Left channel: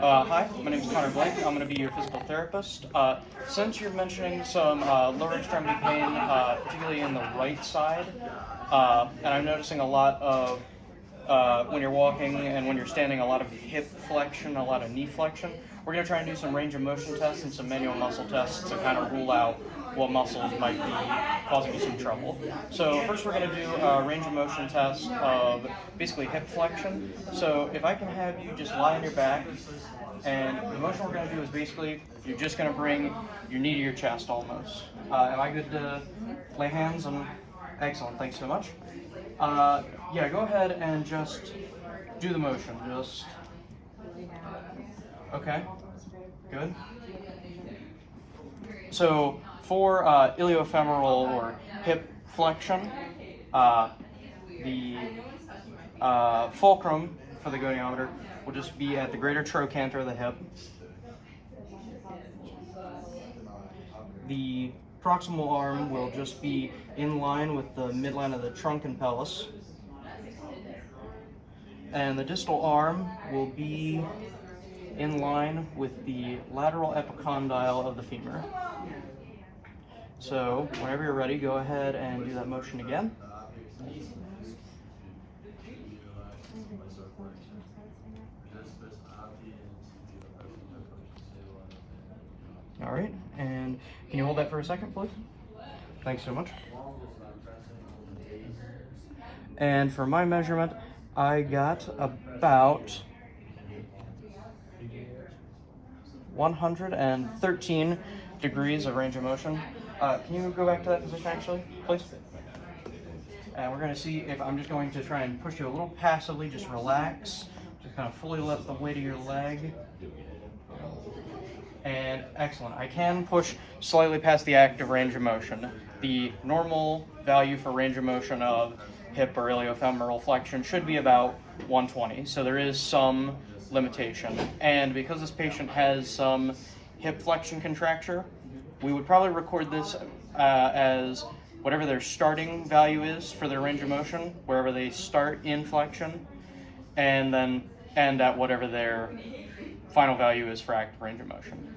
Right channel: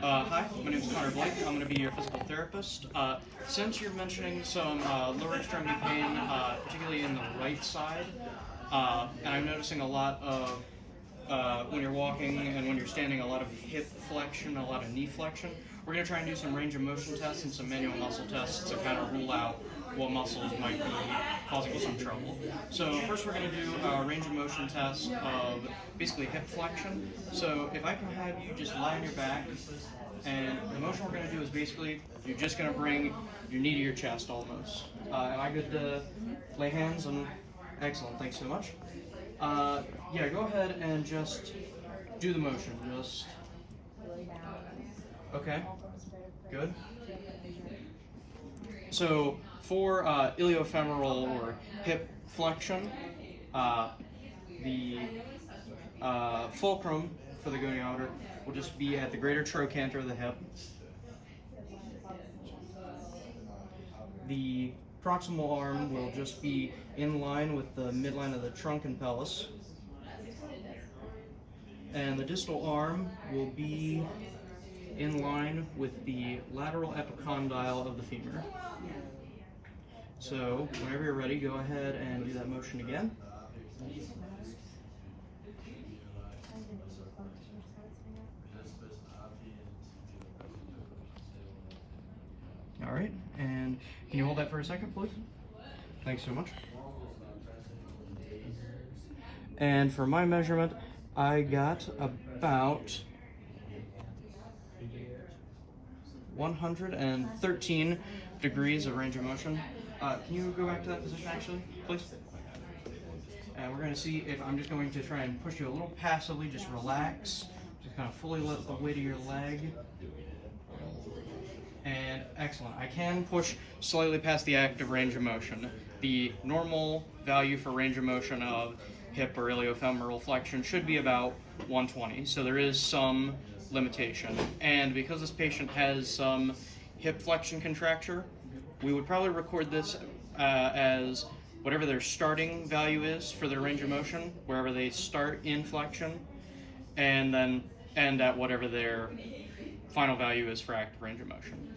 Hi, my name is Connor Blake. I'm going to be your physical therapist. Since you're mentioning some lower extremity pain, particularly in the right side, and I'm noticing a lot of, when you're walking and when you're standing, a lot of hip flexion, a lot of knee flexion, we're going to try and do some range of motion tests and some manual muscle tests to kind of rule out what muscles might be causing you some trouble. So first we're going to do a range of motion test of basically hip flexion. So if I can have you just lie on your back, and the motion we're going to do is basically you're just going to bring your knee to your chest almost. Am I good to lay hands? And excellent, thanks so much. Yeah, go ahead and just do the motion. Just okay, good. So for iliofemoral or hip flexion, the fulcrum for the goniometer will just be at the greater trochanter of the hip. The proximal arm will just be in line with the midline of the trunk and pelvis. And the distal arm will be in line with the lateral epicondyle of the femur. So whenever you're ready, go ahead and do that motion again. All right, and can you hold that for a second, please? Thanks so much. And for my measurement, I got about 113 degrees of range of motion. Can you go back to that position actually, please? And we're going to see if I'm just going to try and push you a little passively, just relax. Just kind of fully let the weight of your leg. And excellent. I can push slightly past the active range of motion. The normal value for range of motion of hip or iliofemoral flexion should be about 120. So there is some limitation. And because this patient has some hip flexion contracture, we would probably record this as whatever their starting value is for their range of motion, wherever they start in flexion, and then end at whatever their final value is for active range of motion.